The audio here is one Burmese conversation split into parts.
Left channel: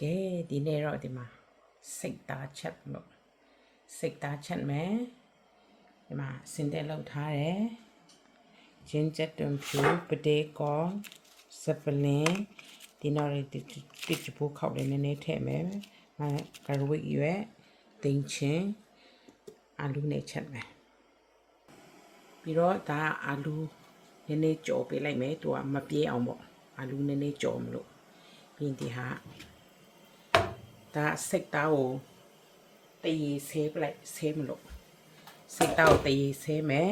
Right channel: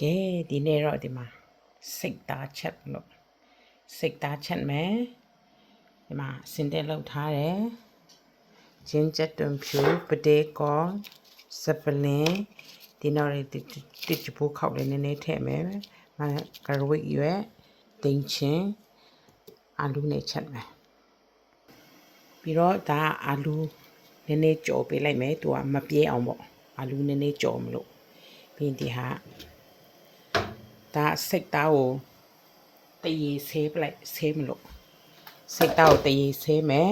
ကဲဒီနေ့တော့ဒီမှာစိတ်သားချက်လို့စိတ်သားချက်မယ်ဒီမှာစင်တက်လောက်ထားတယ်ဂျင်းချက်တွန်ဖြူပဒေကောစပလင်းဒီနောက်တစ်ချဖို့ခောက်လေးနည်းနည်းထည့်မယ်ကရဝိတ်ရွက်တင်ချင်းအာလူနဲ့ချက်မယ်ပြီးတော့ဒါအာလူနည်းနည်းကြော်ပေးလိုက်မယ်သူကမပြေးအောင်ပေါ့အာလူနည်းနည်းကြော်မလို့ပြီးဒီဟာဒါစိတ်သားကိုတရေဆေးပလိုက်ဆေးမလို့စိတ်သားကိုတရေဆေးမယ်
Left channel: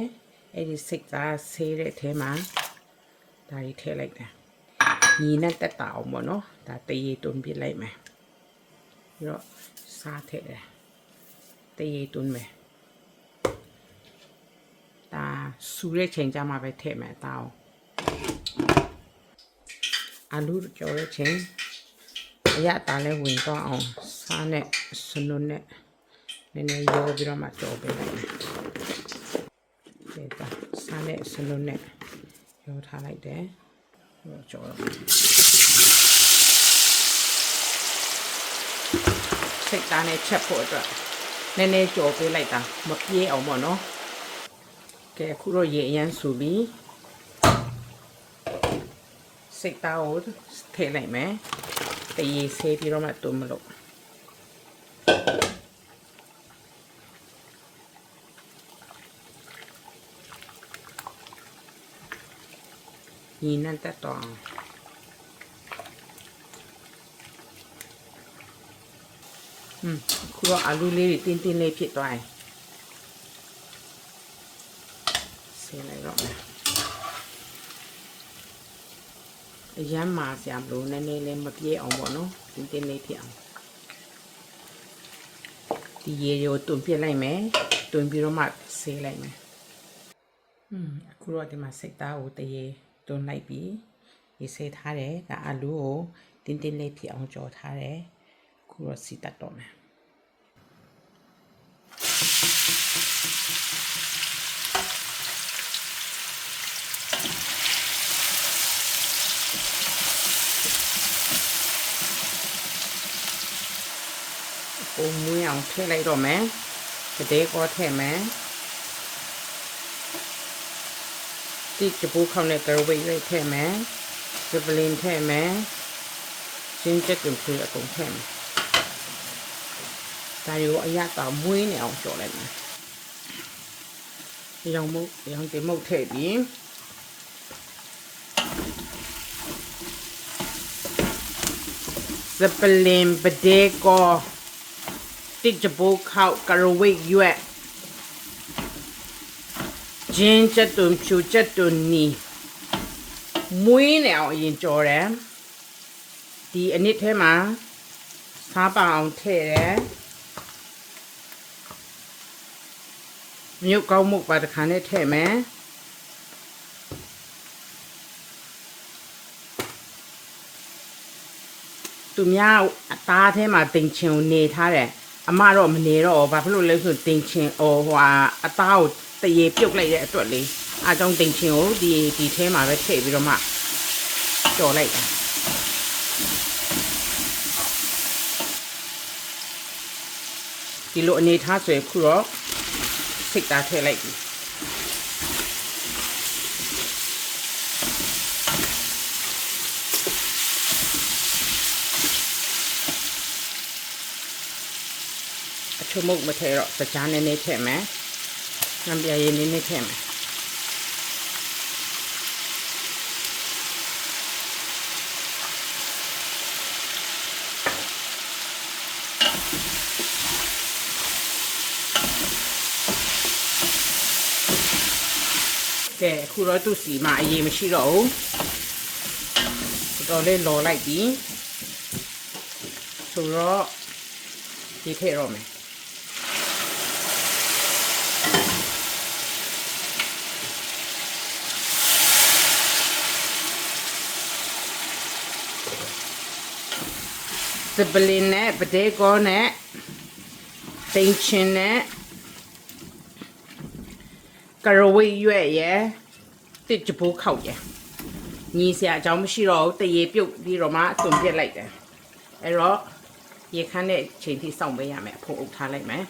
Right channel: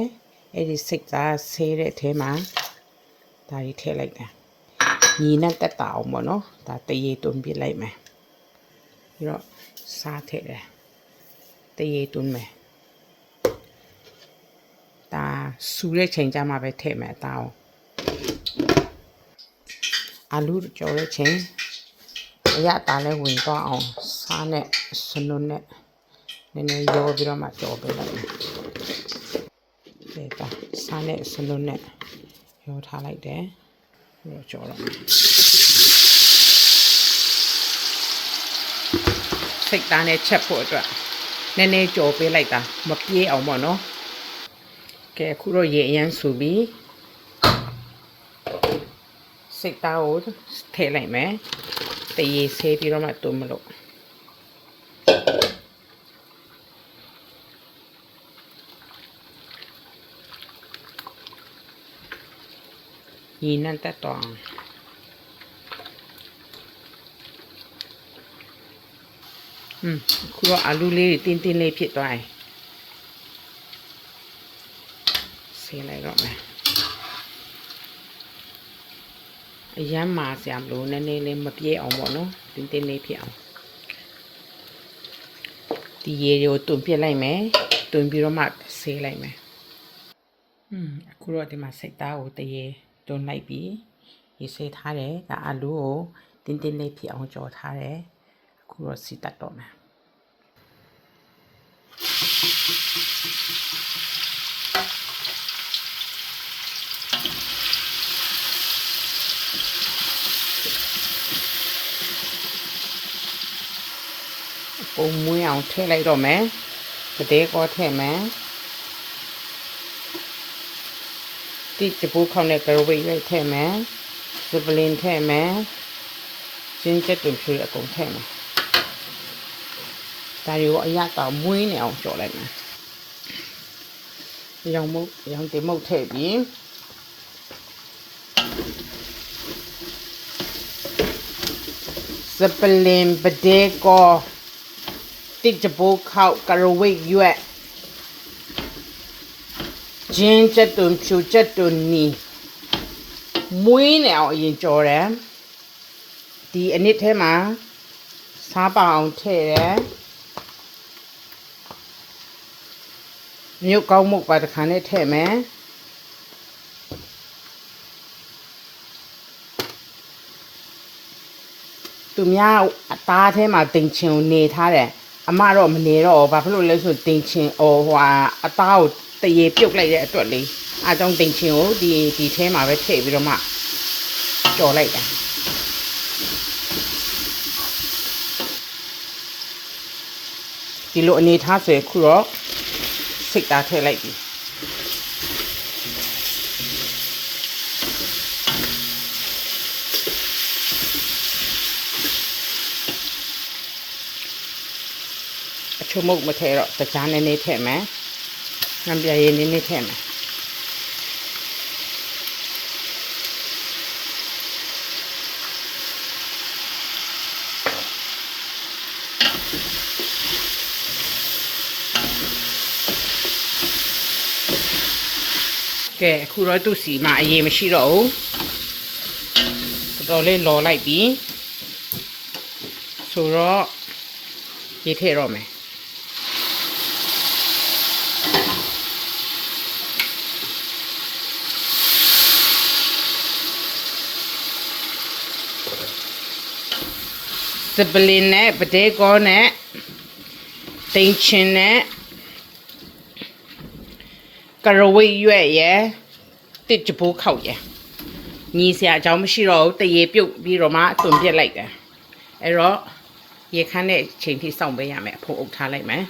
အဲ့ဒီစိတ်သားဆေးတဲ့အထဲမှာဒါကြီးထည့်လိုက်တာညီနဲ့တက်တာအောင်ပေါ့နော်ဒါတရေတွန်းပြလိုက်မယ်ပြီးတော့စားထည့်တယ်တရေတွန်းမယ်ဒါစူတဲ့ချိန်ကြမှာပဲထည့်မယ်ဒါအောင်အာလူကြော်တဲ့ချိန်အရတားလဲဝင်တော့အောင်စားနဲ့စနုံနဲ့နည်းနည်းရောပြီးတော့မှကြော်ပေးလိုက်မယ်ဒီပါစားနဲ့စနုံနဲ့ရောထားလိုက်တယ်ပြီးတော့ကြော်တော့စိတ်သားနဲ့ချက်ဖို့အတွက်နည်းနည်းကြော်ပေးလိုက်တာမပြေးအောင်ပေါ့နော်ကဲအခုတော့ရေအရန်ဆူပြီးစိတ်သားကိုထည့်လိုက်မယ်တရေဆေးပြီးတော့မှတုံးမလို့ညီနဲ့တက်တော့ခုတော့အာလူလေးတင်းတင်းလေးဖြစ်သွားတယ်ဆေးလိုက်တော့မယ်အရမ်းမာစရာမလိုနည်းနည်းလေးမပြေးအောင်ပေါ့နော်တင်းတင်းလေးဖြစ်အောင်ဒီရေကိုတွန်းပြလိုက်မယ်တွန်းပြီးတော့မှဆေးလိုက်မယ်အခုတော့ဒီမှာစိတ်သားကိုတရေတွန်းလိုက်ပြီးရေဆေးထားတယ်ဒါအာလူကိုတင်းတင်းလေးဖြစ်အောင်ကြော်ထားတယ်အခုတော့စီတက်တော့မယ်ပုံမွေးအောင်ထည့်လိုက်တော့မယ်ပဒေကောထည့်မယ်တိတပူခေါင်းနဲ့ကရဝိတ်ရွက်ထည့်မယ်စပလင်ထည့်မယ်စင်းချက်တွင်ဖြူအကုန်ထည့်မယ်ဒါရောအရတာမွေးနေအောင်ကြော်လိုက်မယ်ရောင်တင်မုတ်ထည့်ပြီးစပလင်ပဒေကောတစ်ချပိုးခောက်ကရဝိတ်ရွက်ဂျင်းချက်တွန်ဖြူချက်တွန်နီမွေးနေအောင်အရင်ကြော်တယ်ဒီအနစ်ထဲမှာစားပါအောင်ထည့်တယ်မြုပ်ကောင်းမှုပါတစ်ခါနဲ့ထည့်မယ်သူများအသားထဲမှာတင်ချင်ကိုနေထားတယ်အမတော့မနေတော့ဘာဖြစ်လို့လဲဆိုတင်ချင်ဟိုအသားကိုတရေပြုတ်လိုက်တဲ့အတွက်လေးအားကြောင့်တင်ချင်ကိုဒီထဲမှာပဲထည့်ပြီးတော့မှကြော်လိုက်တာဒီလိုအနေထားဆိုရင်ခုတော့စိတ်သားထည့်လိုက်ပြီအချုံမုတ်မထည့်တော့စကြားနည်းနည်းထည့်မယ်ငပြရည်နည်းနည်းထည့်မယ်ကဲအခုတော့သူ့စီမှာအရေးမရှိတော့ဘူးတော်လေးလော်လိုက်ပြီဆိုတော့ရေထည့်တော့မယ်စပလင်နဲ့ပဒေကောနဲ့တင်ချင်နဲ့ကရဝိတ်ရွက်ရယ်တစ်ချပိုးခောက်ရယ်ညီစရာအကြောင်းမရှိတော့ဘူးတရေပြုတ်ပြီးတော့မှတွန်ပြက်လိုက်တယ်အဲ့တော့ ရေခမ်းတဲ့အချိန်ထိစောင့်ပေးရမယ်အဖိုးအုပ်ထားလိုက်မယ်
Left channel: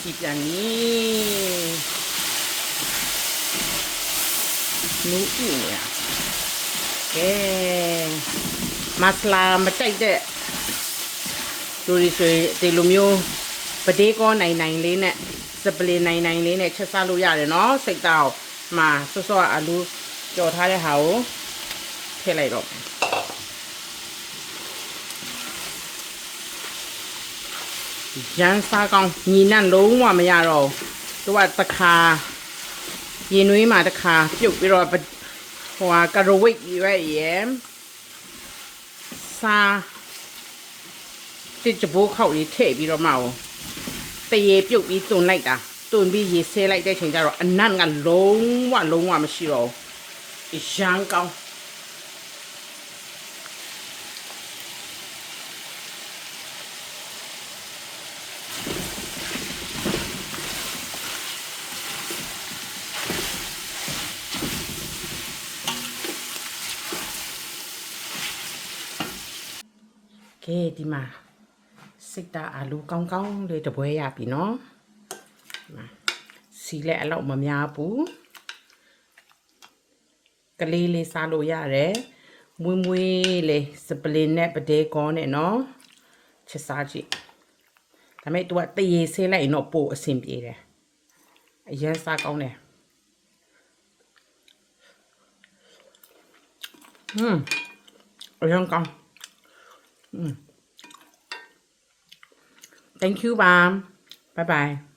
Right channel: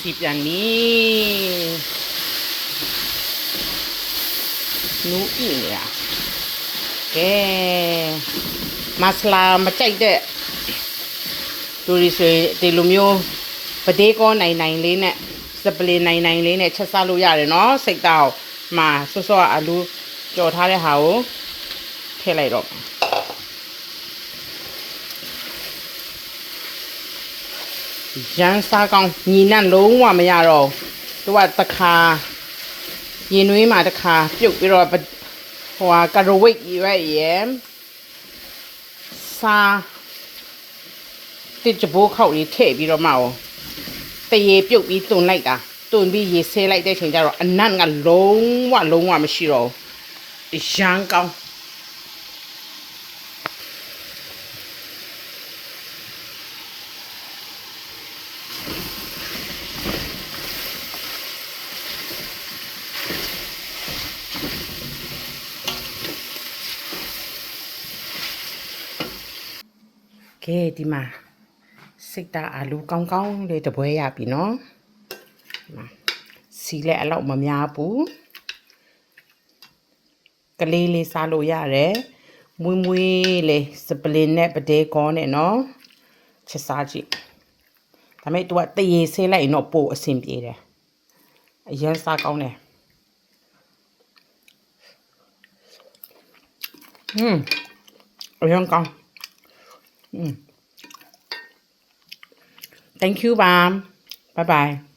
စီပြန်နီနူးအင်းရကဲမဆလာမကြိုက်တဲ့လူတွေဆိုရင်ဒီလိုမျိုးပဒေးကောနိုင်နိုင်လေးနဲ့စပလီနိုင်နိုင်လေးနဲ့ချက်စားလို့ရတယ်နော်စိတ်တောက်မှာဆော့ဆော့အလူကြော်ထားတဲ့ဟာကိုထည့်လိုက်တော့ရန်စားကောင်းညီနဲ့လုံးဝမရတော့သူကတခါရင်နွေးမှာတခါပြုတ်ပြီးတော့ဟိုကကာရိုဝိတ်ရဲစားတစ်ကြဘိုးခောက်လေးထည့်ပြီးတော့မှအောင်တရေပြုတ်ပြီးတွန်လိုက်တာတွန်ပြီးရေဆဲလိုက်တဲ့ချိန်ကျတော့အနတ်ကလုံးဝမရှိတော့ဘူးရန်ကောင်းကဲဒီမှာစိတ်တာအာလူကောင်းလေးတပွဲရပြီနော်စီလည်းအလောက်မများဘူးကလေးစားလို့ရတယ်မွေးလေးစပလင်နဲ့ပဒေးကောနဲ့နော်ချက်စားကြည့်ဒါပေမဲ့ तू ကတရေဆေးလိုက်ရင်တော့ပို့အဆင်ပြေတယ်အရင်စားကောင်းတယ်အရင်ကောင်းThank you, Mom. Bye-bye.